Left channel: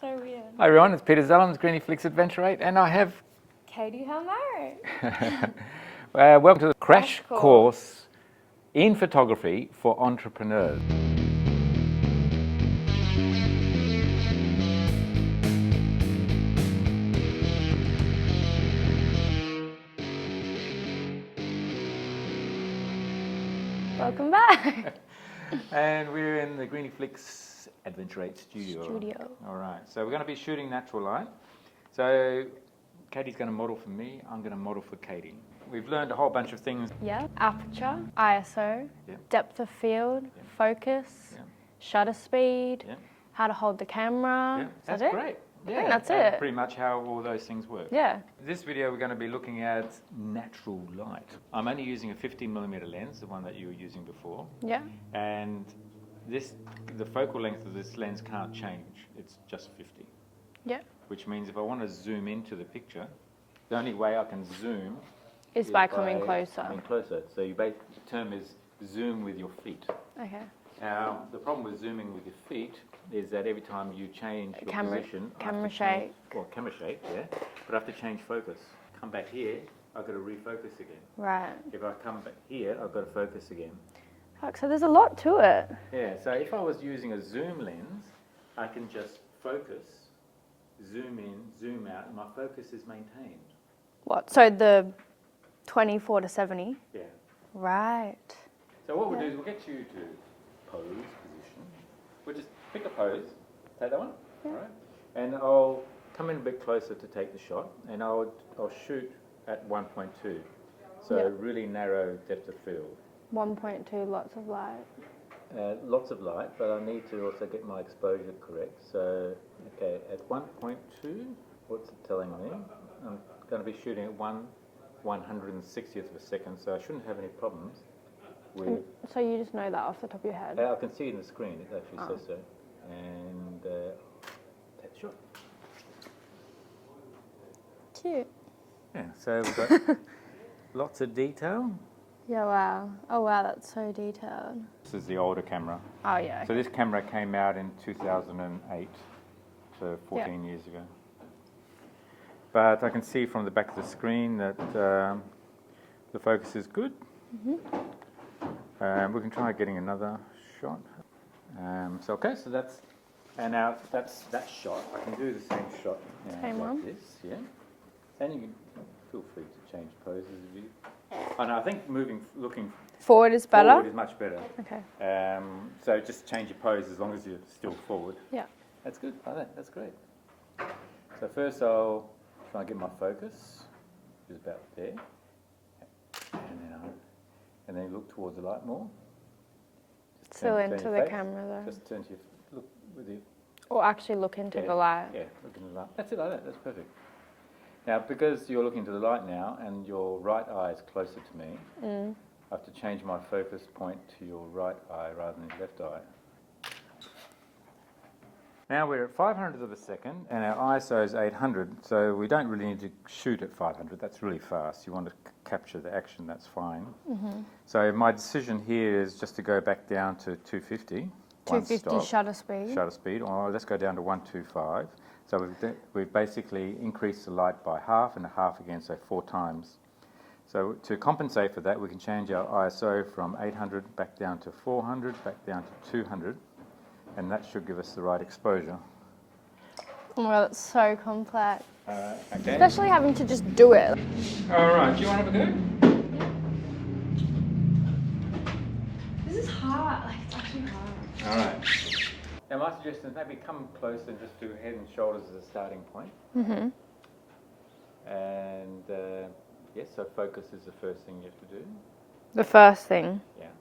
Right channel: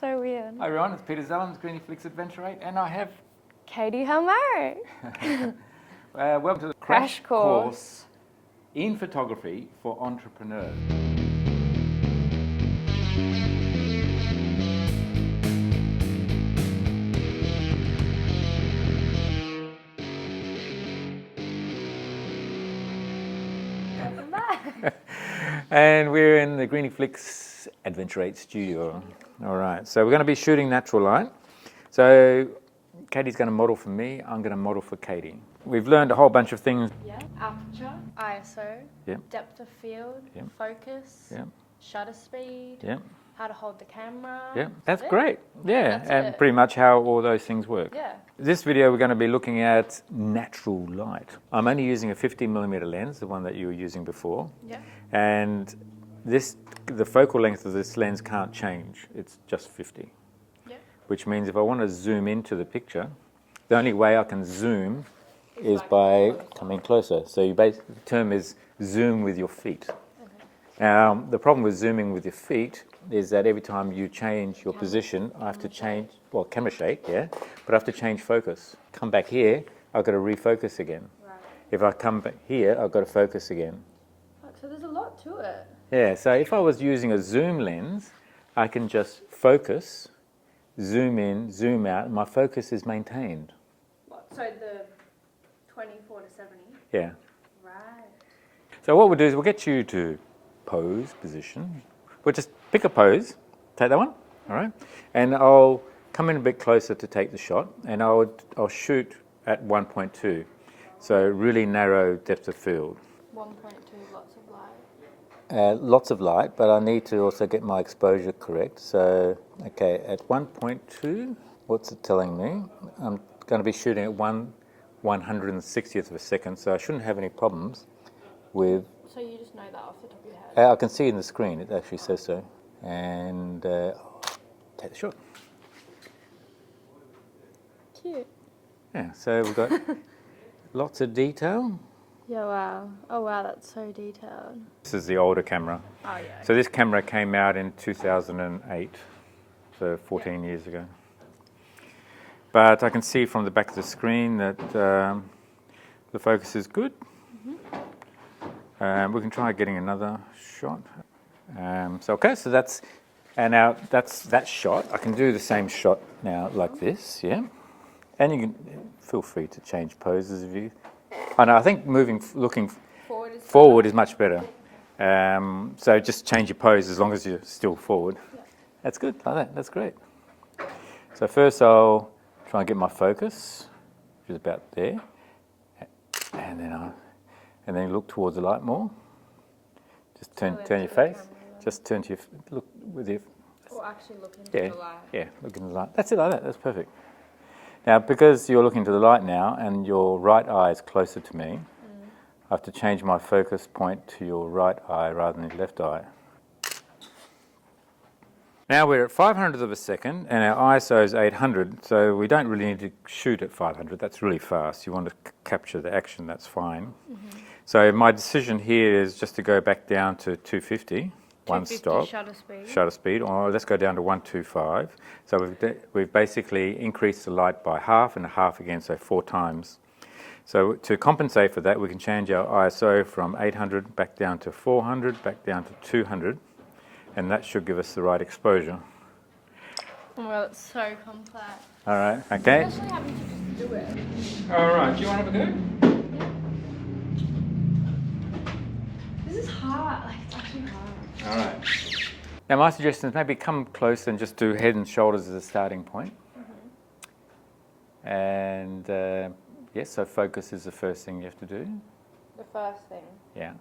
so weird. Hi everyone, it's Peter Zellens, Griniflix Adventure 8, and I have... Catie Helmer. welcome to the crash Crash course in photography for entrepreneurs. Welcome back. And we're in the Griniflix Adventure 8 studio. All right, so we're going to be shooting natural light. So Catie's going to model for me, I'm going to model for Catie. We've learned a whole bunch of things. Yeah, aperture, ISO, depth of field, focus, shutter speed, how to hold the camera. Yeah, that's it? great. Yeah, that's and it. pretty much how all those things work. Yeah. This video we're going to be looking at natural light. I'm only using a 50mm lens, the one that you were using before. Yeah. And the focal length of this lens can't change. It's just 50. Yeah. Which means if I want to zoom into the picture, the only way I can zoom is by coming closer. So the term is zoom with your feet. Okay. Now, the problem with zooming with your feet is that every time you change your position, I have to change, well, camera shake, yeah, but I have to change focus. Come back here, I've got to refocus again. Right. If I come back here, I've got to focus again. Fuck, so there's a lot to it. Yeah, so if I was using a zoom lens, I can just focus, zoom in, zoom out, and my focus is maintained. What, so the 24 to 70? Yeah. Right. So what we'll do is we'll get you to pose position. We'll just pick a pose, take that one, all right? And I'll come in a bit closer to take the shot, and I'll shoot at 1.2, so really narrow depth of field. 1.2, lots of light. Lots of light, but I need to also get my exposure correct. So, okay, at 1.2, what's it telling me? I'm going to be shooting at 1/160th of a second, so I shouldn't have any problems with... So you just know that off the top of your head? I can see in the screen, it actually says so. And take the shot. Cute. Yeah, so we've got lots of detail. Yeah, wow. Oh, wow, that's so detailed. This is the older camera. Oh, yeah. So this camera came out in 2008, so 14 years ago. But I can see from the back of the screen that the focus is good. We can try getting another shot. So that's that shot. I can do the same shot now like this, yeah. And you can feel free to change poses if you. I think looking forward is better. Forward is much better. Okay. So just change your pose as long as you're still forward. Yeah. That's good. Like that. That's great. So first I'll try and get my focus, which is about there, and then look towards the light more. Just turn your face. Just turn to look with your. Or actually look into the light. Yeah, look into the light. That's it, like that. That's perfect. Now, because you're looking to the light now, and your right eye is closer to me, I have to change my focus point to your right eye rather than your left eye. Now we're at 500th of a second, and our ISO is 800, so we don't really need to shoot at 500. That's really fast. You want to capture the action, that's fine. So my decision here is just to go back down to 250, one stop. Shutter speed. Shutter speed, or let's go down to 125. So we've basically increased the light by half and a half again, so 4 times. So to compensate for that, we can change our ISO from 800 back down to 400, back down to 200. And that should give us the right exposure. Well, it's so complex. All right, okay. Especially having to just do it. All right, do you want to have a go? This is hard. Like, it's actually hard. All right. Now, my suggestion is maybe come close and just do head and shoulders as a starting point. And yes, so focus is the first thing you have to do. The first thing. Yeah.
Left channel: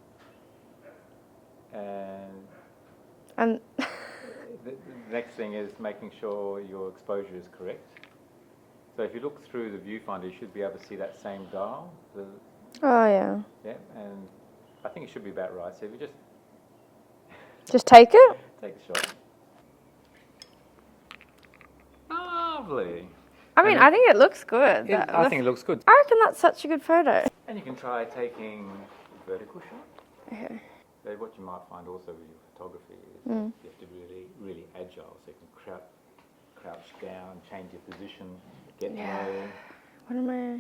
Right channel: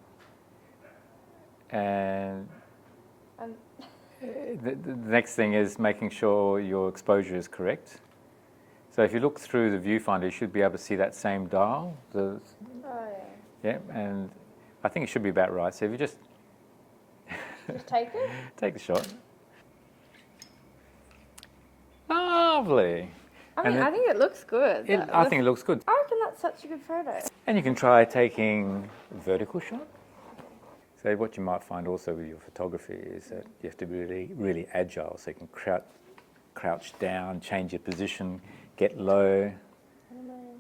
And the next thing is making sure your exposure is correct. So if you look through the viewfinder, you should be able to see that same dial. Oh, yeah. Yeah, and I think it should be about right. So if you just... Just take it? Take the shot. Lovely. I mean, I think it looks good. I think it looks good. I reckon that's such a good photo. And you can try taking a vertical shot. Okay. So what you might find also with your photography is that you have to be really, really agile, so you can crouch down, change your position, get low. What am I?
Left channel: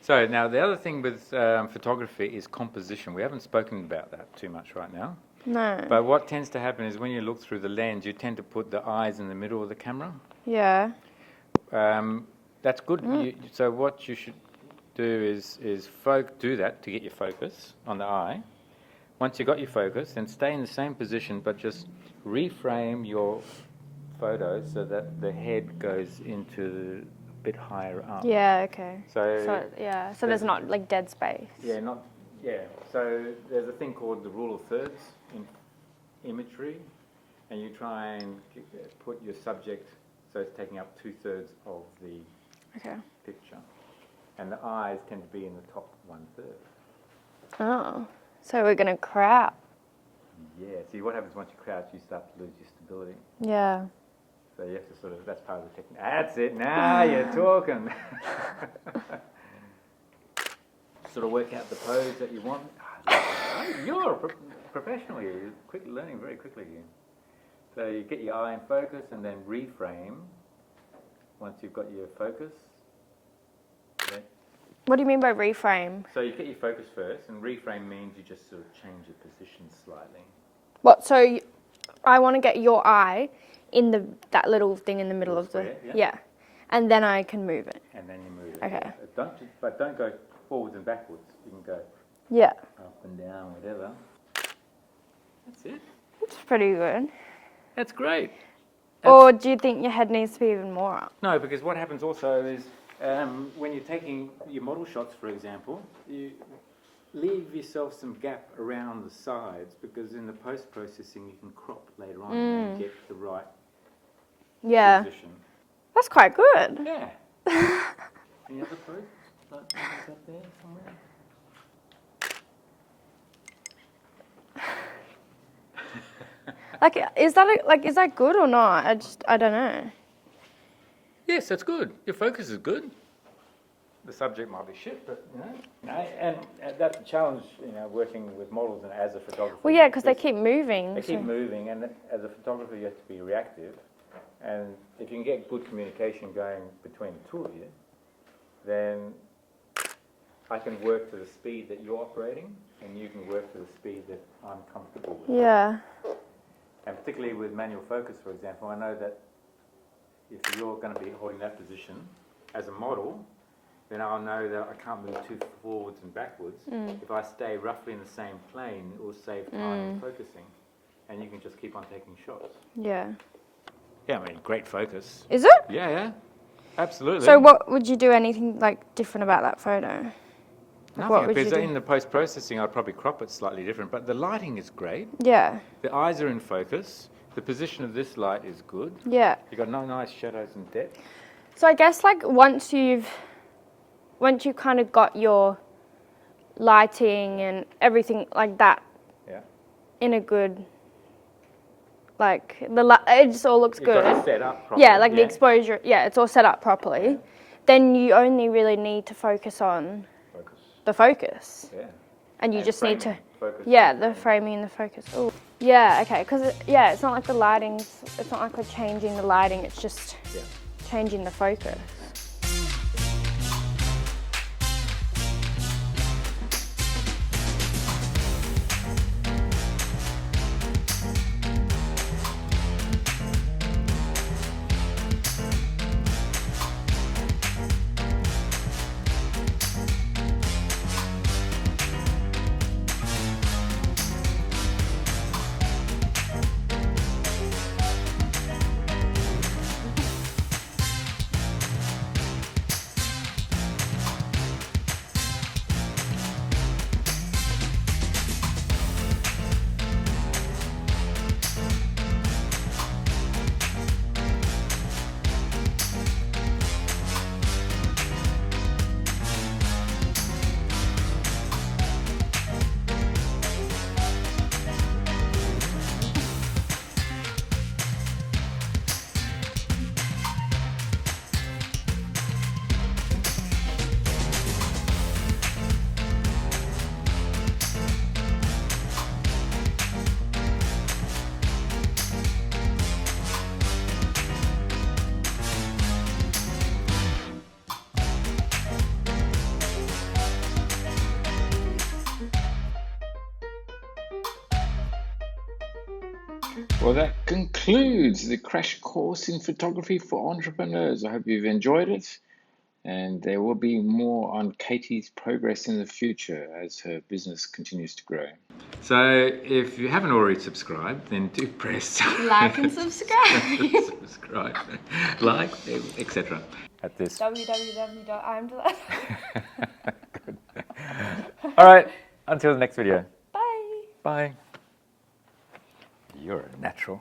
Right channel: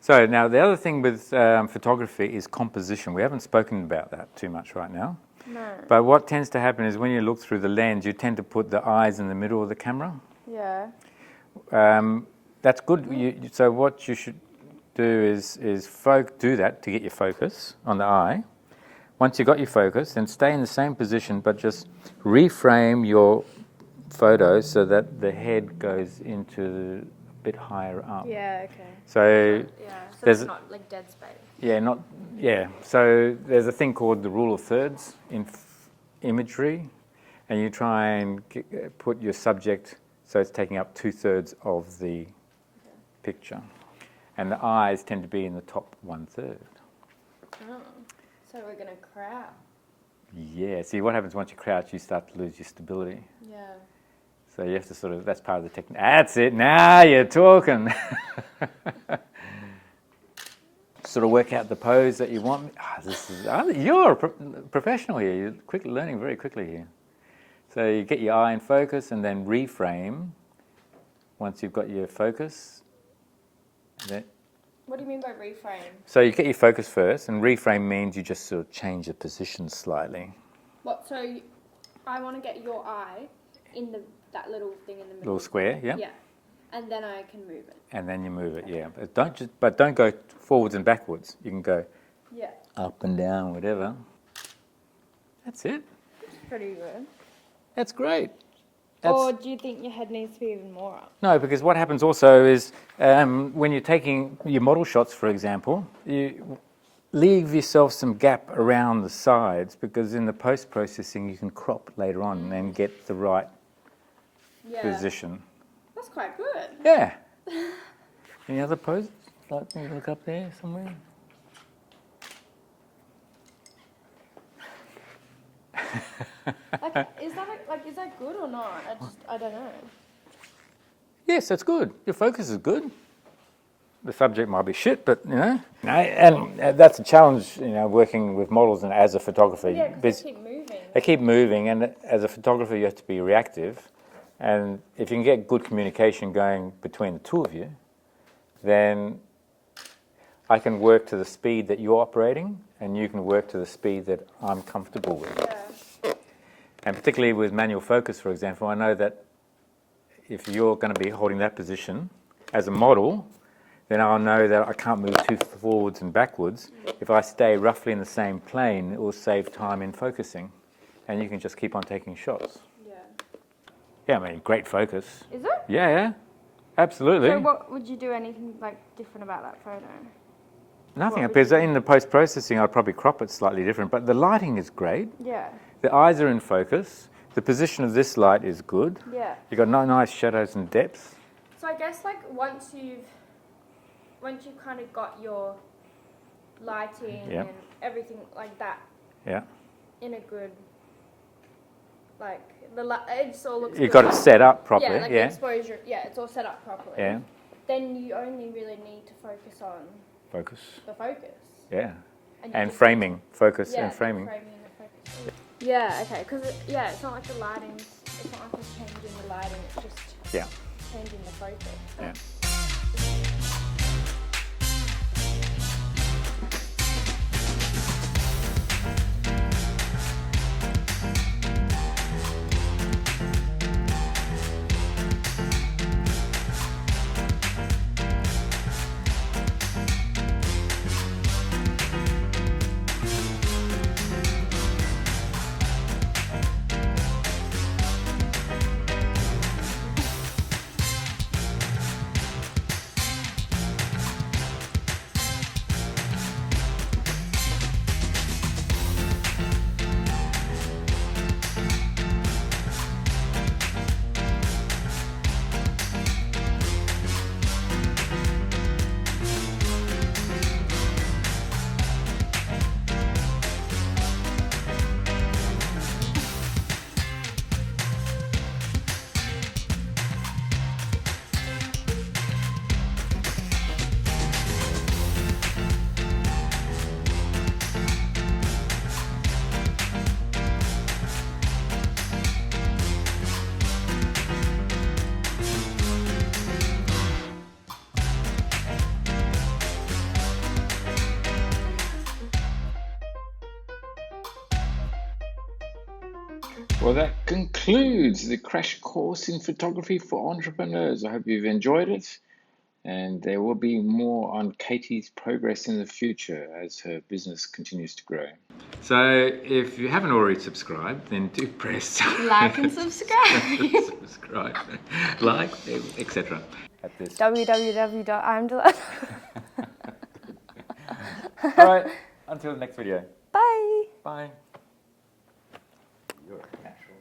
So now the other thing with photography is composition. We haven't spoken about that too much right now. No. But what tends to happen is when you look through the lens, you tend to put the eyes in the middle of the camera. Yeah. That's good. So what you should do is do that to get your focus on the eye. Once you've got your focus, then stay in the same position, but just reframe your photo so that the head goes into a bit higher up. Yeah, okay. So there's not like dead space. So there's a thing called the rule of thirds in imagery, and you try and put your subject so it's taking up 2/3 of the picture, and the eyes tend to be in the top 1/3. Oh, so we're gonna crouch. Yeah. See, what happens once you crouch, you start to lose your stability. Yeah. So you have to that's part of the technique. That's it. Now you're talking. Sort of work out the pose that you want. You're a professional here. You're learning very quickly here. So you get your eye in focus and then reframe. Once you've got your focus. What do you mean by reframe? So you get your focus first, and reframe means you just sort of change the position slightly. What? So I want to get your eye in that little thing in the middle of the square. Yeah. Yeah, and then I can move it. And then you move it. Okay. Yeah. Don't go forwards and backwards. You can go. Yeah. Up and down, whatever. That's it. It's pretty good. That's great. Or do you think your head needs to be even more up? No, because what happens also is when you're taking your model shots, for example, you leave yourself some gap around the sides, because in the post-processing you can crop later on and then get the right position. That's quite good. Yeah. Any other poses? Like maybe up there somewhere? Is that good or not? I don't know. Yes, that's good. Your focus is good. The subject might be shit, but and that's a challenge, working with models and as a photographer. Well, yeah, because they keep moving. They keep moving, and as a photographer, you have to be reactive. And if you can get good communication going between the two of you, then I can work to the speed that you're operating, and you can work to the speed that I'm comfortable with. Yeah. And particularly with manual focus, for example, I know that if you're going to be holding that position as a model, then I'll know that I can't move too forwards and backwards. If I stay roughly in the same plane, it will save time in focusing, and you can just keep on taking shots. Yeah. Yeah, I mean, great focus. Is it? Yeah, absolutely. So what would you do anything different about that photo? Nothing, because in the post-processing I'd probably crop it slightly different, but the lighting is great. Yeah. The eyes are in focus. The position of this light is good. Yeah. You've got nice shadows and depth. So I guess once you've kind of got your lighting and everything like that in a good, it just all looks good. You've got it set up properly. Yeah, the exposure, it's all set up properly. Yeah. Then you only really need to focus on the focus. Yeah. And you just framing. need to Focus and framing. the framing and the focus. Ooh. Yeah, okay, because it's not like the lighting's, it's not like we're changing the lighting, it's just changing the focus. Yeah. Well, that concludes the crash course in photography for entrepreneurs. I hope you've enjoyed it. And there will be more on Catie's progress in the future as her business continues to grow. So if you haven't already subscribed, then do press Like and subscribe. subscribe, like, etc. At this. www.amdelilah. All right, until the next video. Bye. Bye. You're a natural.